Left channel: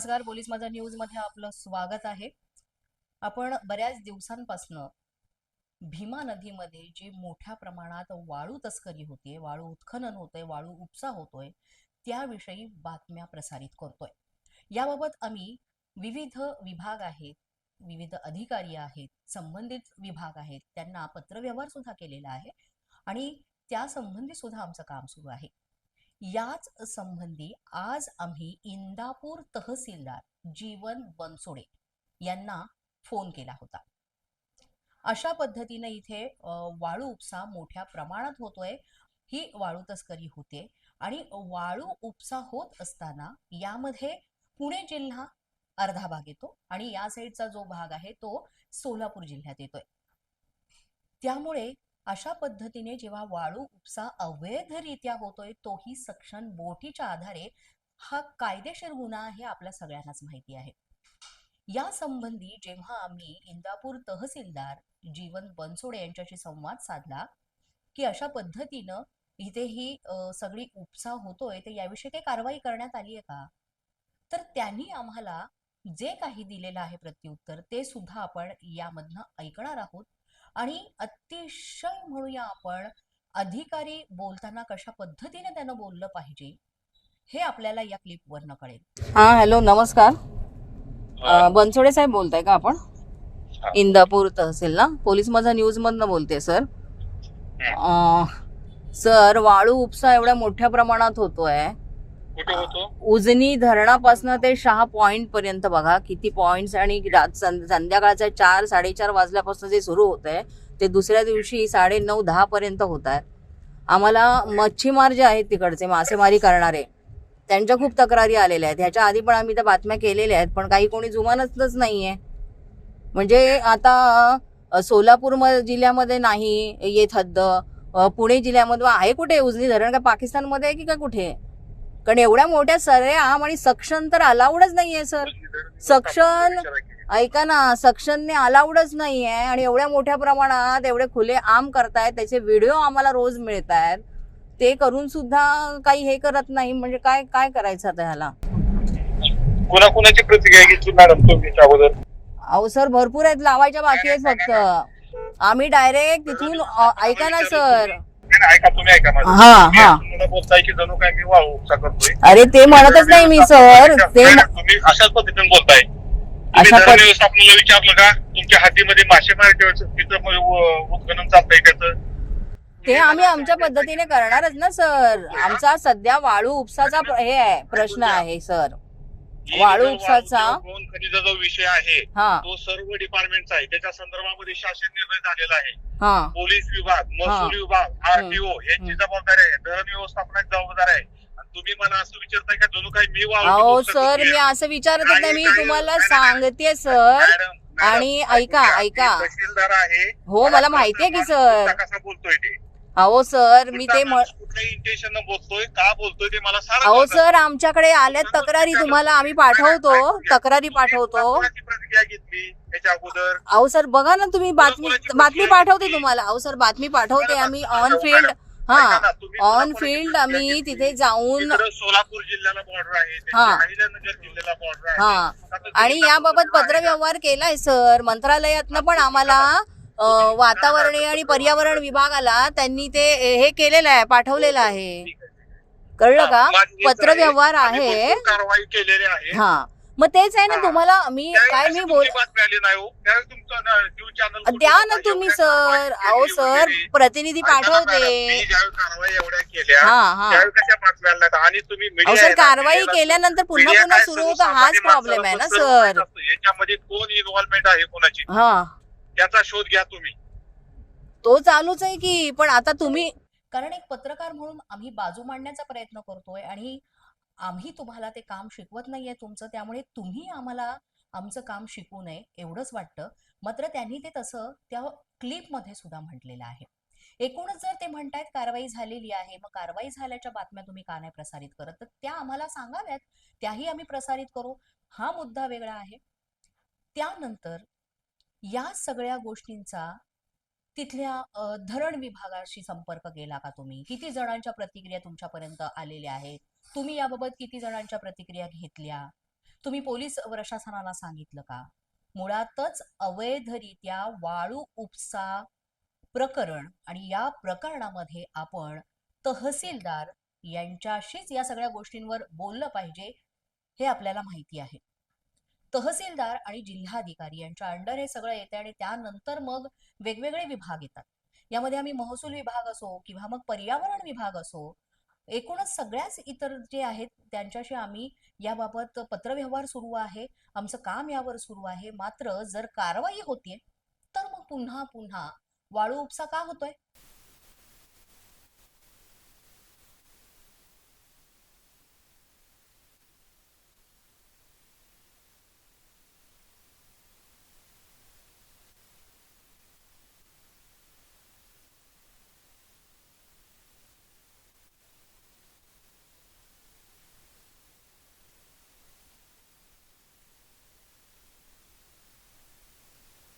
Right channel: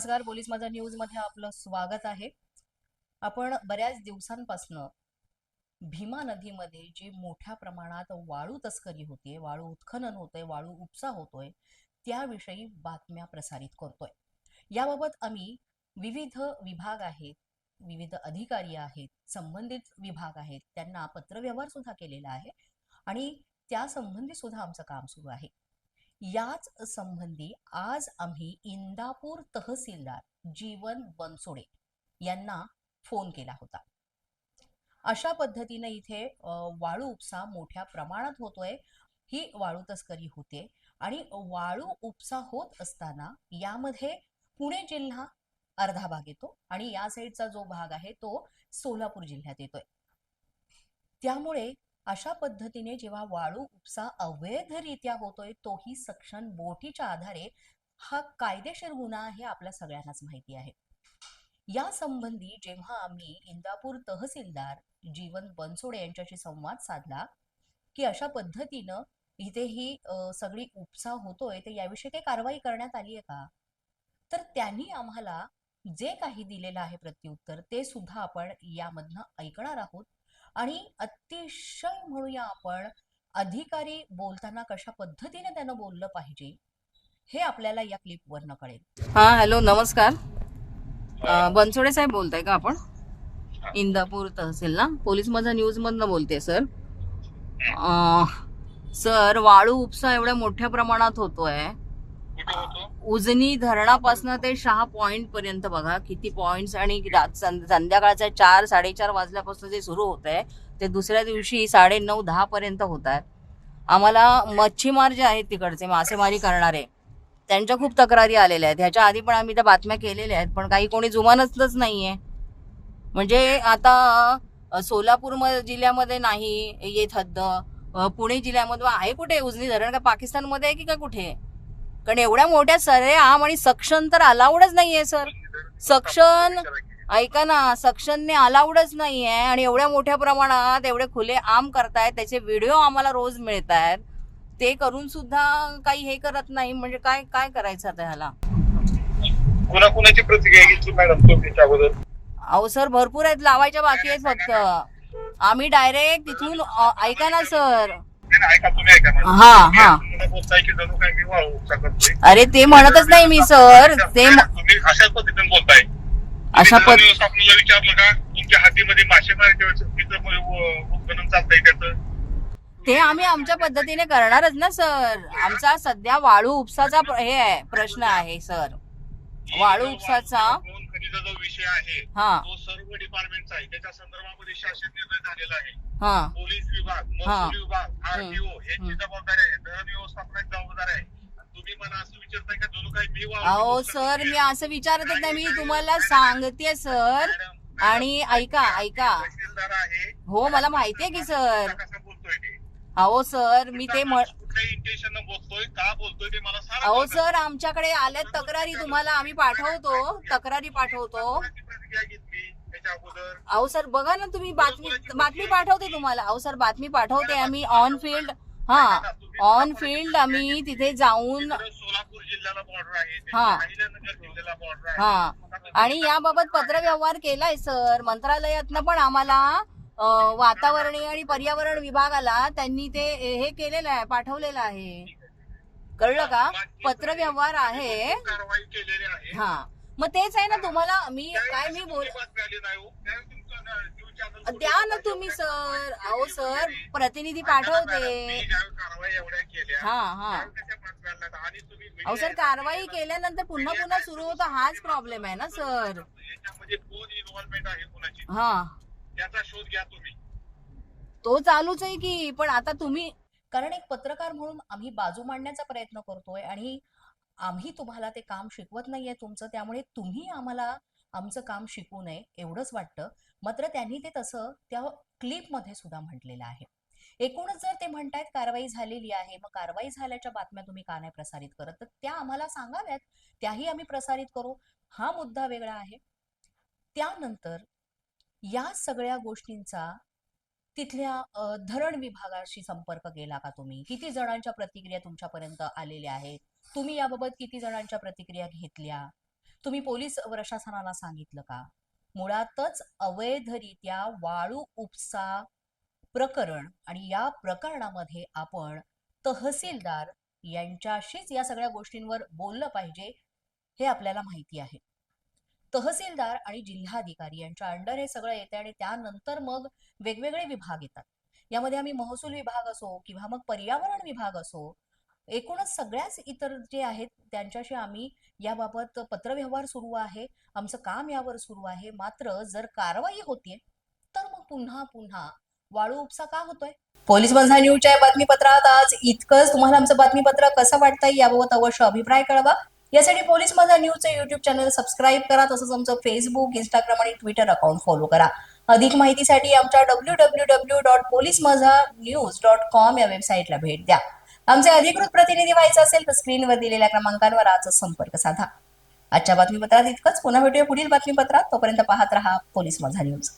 नमस्कार. पोलीस माझा न्यूज मध्ये आपलं स्वागत आहे. आपण बऱ्याच दिवसांपासून भीमा नदीमध्ये जी मोठ्या प्रमाणात वाळू तस्करी होतीये, वाळू उत्खनन होतंय, वाळू उपसा होतोय, त्याविषयी बातम्या प्रसारित करतोय. याबाबत आम्ही विविध विभाग आहेत, विविध अधिकारी आहेत, संबंधित विभाग आहेत, त्यांना पत्रव्यवहार सुद्धा केलेला आहे आणि त्या संबंधी सुद्धा आमचं काम सुरू आहे. याच संबंधी आज आम्ही इंदापूर तहसीलदार जीवन बनसोडे यांना फोन केला होता. अशा पद्धतीने इथे वाळू उपसा मोठ्या प्रमाणात होतोय. ही वाळू तस्करी होते आणि वाळू उपसा होत असताना यामध्ये पुणे जिल्हा अर्धा भाग येतो आणि या साईडचा जो भाग आहे तो सोलापूर जिल्ह्यात येतोय. त्यामुळे अशा पद्धतीने जेव्हा वाळू उपसा अवैधरित्या होतोय, तोही सक्शन बोटीच्या आधारे, हा कायदेशीर गुन्हा हे आपल्या सगळ्यांनाच माहिती आहे. या संबंधी जेव्हा आम्ही इंदापूर तहसीलदार जीवन बनसोडे यांच्याशी संवाद साधला की अशा पद्धतीनं इथे ही सगळी उपसा होतोय, तर याविषयी काही कारवाई करण्यात आली आहे का, तर त्यांनी आम्हाला जे काही दिलेलं आहे प्रत्युत्तर ते सुद्धा आपण यामधनं ऐकणार आहोत. आणि अतिशय म्हणूया आपण अधिकारी बोलताना कशा पद्धतीने त्यानं बोललं पाहिजे हे आपल्याला या क्लिपवरनं कळेल. हा, हॅलो, नमस्कार. बनसोडे साहेब बोलताय का आपण? इंदापूर तहसील ना, पोलीस माझा न्यूज मधनं बोलते सर. सर, वाळू उपसा एवढ्या मोठ्या प्रमाणात होतोय. उजनी धरणापासून ते शहा पॉइंट पर्यंत बघा किती पॉइंट्स, आणि संध्याकाळच्या 4-4:30 वाजल्यापासून जे सुरू होत आहे ते दुसऱ्या दिवशी 9:30-10 पर्यंत होत आहेत. आम्हाला मच्छीमार जे आहेत तिकडचे मासेमारी करणारे, त्यांच्या खूप तक्रारी आलेल्या आहेत. ह्याच्या आधी पण आम्ही त्या बातम्या केलेल्या आहेत, पण काही कोणी जुमानतच नाहीये. म्हणजे आता सोलापूर जिल्ह्यामध्ये नाही येत हद्द, पुणे जिल्ह्यामध्ये आहे. कुठे उजनी धरण? का पाकिस्तानमध्ये आहे की काय कुठे? कारण एवढ्या मोठ्या सरेआम आणि सक्शन तर अलाउडच नाहीये सर. सक्शन, ऐका ना, सक्शनने अलाउडच नाहीये आणि एवढ्या मोठ्या प्रमाणात एवढे खुले आम करतायत, त्याचे व्हिडिओ आम्हाला रोज मिळत आहेत. ते करून सुद्धा काही हे करत नाही. म्हणजे काय काय करायचं आता ह्याला? कोणाकोणाची प्रतिक्रिया घेतली मॅडम तुम्ही अगोदर? अहो सर, भरपूर आहेत, लावायच्या बाकी आहेत. फक्त आम्ही डायरेक्ट तिथून, ऐका ना सर. ऐका, तुम्ही ऐका माझं. हा हा, बोलताय की जणू काय मी वाळू उपसा करतोय. अरे ते म्हणतच नाही मी सर. ते तुम्ही अशाच पद्धतीने बोलताय. अशा आपल्याला विचारलं का तुमच्या हातीमध्ये मासेमारी तिथं उत्खनन चालतंय त्याचं? ते आम्ही आमच्या पद्धतीने करणारच ना सर. आमचा सध्या वाळू उपसाचा हे आहे, प्रश्न आहे सर. वाळू उपसाचा खनिजा जो विषय आहे तो सर्व डिपार्टमेंटचा आहे. त्याच्या संदर्भामध्ये शासन निर्णय झालेला आहे. पोलीस विभाग, महसूल विभाग, आरटीओ यांची जबाबदारी आहे. धरण व्यवस्थापनाची जबाबदारी आहे. तुम्ही मला असं विचारताय का जणू काही मी अहो सर, मी असं विचारतच नाही, मी तुम्हाला सांगते सर. आणि ऐका ऐका, तहसीलदार आहे. हो मला माहितीये की सर. कसा बोलतोय ते? अहो सर, मी ते कुठल्या इंटेन्शन बोलतोय, का बोलतोय ते मला सांगा. अहो सर, आमच्याकडे आल्यात तक्रारी, तुम्हाला आम्ही पाठवतो, तक्रारी पाठवतो. प्रतिक्रिया घेतली त्याच्या अगोदर? अहो सर बघा ना, तुम्ही बातमी पाठवते तुम्हाला. अहो सर, बातमी पाठवते आम्ही ऑन फील्ड. ऑन फील्ड आम्ही तिथे जाऊन. सोलापूर जिल्ह्याला बॉर्डर आहे, अहिल्यानगर जिल्ह्याला बॉर्डर आहे. आणि याबाबत पत्रव्यवहार केलाय सर. मंत्रालयातनं पण आम्हाला वातावरणीय आणि पर्यावरण विभागाला त्यांनी ते हे केलेलं आहे, पाठवलेलं आहे. कळलं का? पत्रव्यवहार आहे. कारवाई केलेली आहे. हा, मग तेच आहे ना तुम्हाला. मी काय मी बोल द्या ना तुम्ही सर. अहो सर, प्रतिनिधी पाठवते. अहो सर, कारवाई केल्यानंतर पुन्हा पुन्हा सुरू होतं, हाच प्रॉब्लेम आहे ना सर. याच्यामध्ये कोण इन्व्हॉल्वमेंट आहे कोणाची, त्याचा शोध घ्या तुम्ही. तो चालूच आहे की. पण आता तुम्ही, कारण एक पत्रकार म्हणून आम्ही बाजू मांडण्याचा प्रयत्न करतोय आणि आम्ही तुम्हाला ते काम शिकवत नाहीये तुमचं, त्यामुळे तुम्ही आम्हाला आमचं काम शिकवू नये एवढंच वाटतं. मात्र त्यांनी ते तसं त्या क्लिपमध्ये सुद्धा म्हटलेलं आहे. एकूणच जर ते म्हणतायत कारवाई झालेली आहे, मग कारवाई झाल्याच्या बातम्या तुम्ही का नाही प्रसारित करत, तर त्या आम्हाला सांगाव्यात, त्याही आम्ही प्रसारित करू. हा मुद्दा वेगळा आहे. त्यानंतर या सगळ्या गोष्टींचा तिथल्या धरण विभागाशी संपर्क केला का तुम्ही? किती जणांच्या प्रतिक्रिया तुमच्यापर्यंत आलेल्या आहेत? तुम्ही याबाबत किती जणांच्या प्रतिक्रिया घेतल्या? तुम्ही पोलीस प्रशासनाला सांगितलं का? मुळातच अवैधरित्या वाळू उपसा प्रकरण आणि या प्रकरणामध्ये आपण तहसीलदार यांच्याशीच या सगळ्या गोष्टींवर बोललं पाहिजे हे आपल्याला माहिती आहे. तहसीलदार आणि जिल्हाधिकारी यांच्या अंडर हे सगळं येते आणि त्यानंतर मग वेगवेगळे विभाग येतात. यामध्ये आम्ही महसूल विभाग असो किंवा मग पर्यावरण विभाग असो, एकूणच सगळ्याच इतर जे आहेत त्यांच्याशी आम्ही याबाबत पत्रव्यवहार सुरू आहे. आमचं काम यावर सुरू आहे. मात्र जर कारवाई होतीये तर मग पुन्हा पुन्हा वाळू उपसा का होतोय? पोलीस बंधा न्यूजच्या बातमीपत्रात आज इतकंच. तुम्हाला आमचं बातमीपत्र कसं वाटतंय याबाबत अवश्य अभिप्राय कळवा. यासाठी पोलीस माझा न्यूजचं युट्यूब चॅनल सबस्क्राईब करा. तसंच आमचं फेसबुक, इंस्टाग्राम आणि ट्विटर अकाउंट फॉलो करा. अधिक माहितीसाठी आमच्या www.policemazhanews.com या वेबसाईटला भेट द्या. आमचे अधिकृत प्रतिनिधी व्हायचं असेल तर स्क्रीनवर दिलेल्या क्रमांकांवर आजच संपर्क साधा. आजच्या बातमीपत्रात इतकंच. पुन्हा भेटूया पुढील बातमीपत्रात. तोपर्यंत पाहत रहा पोलीस माझा न्यूज.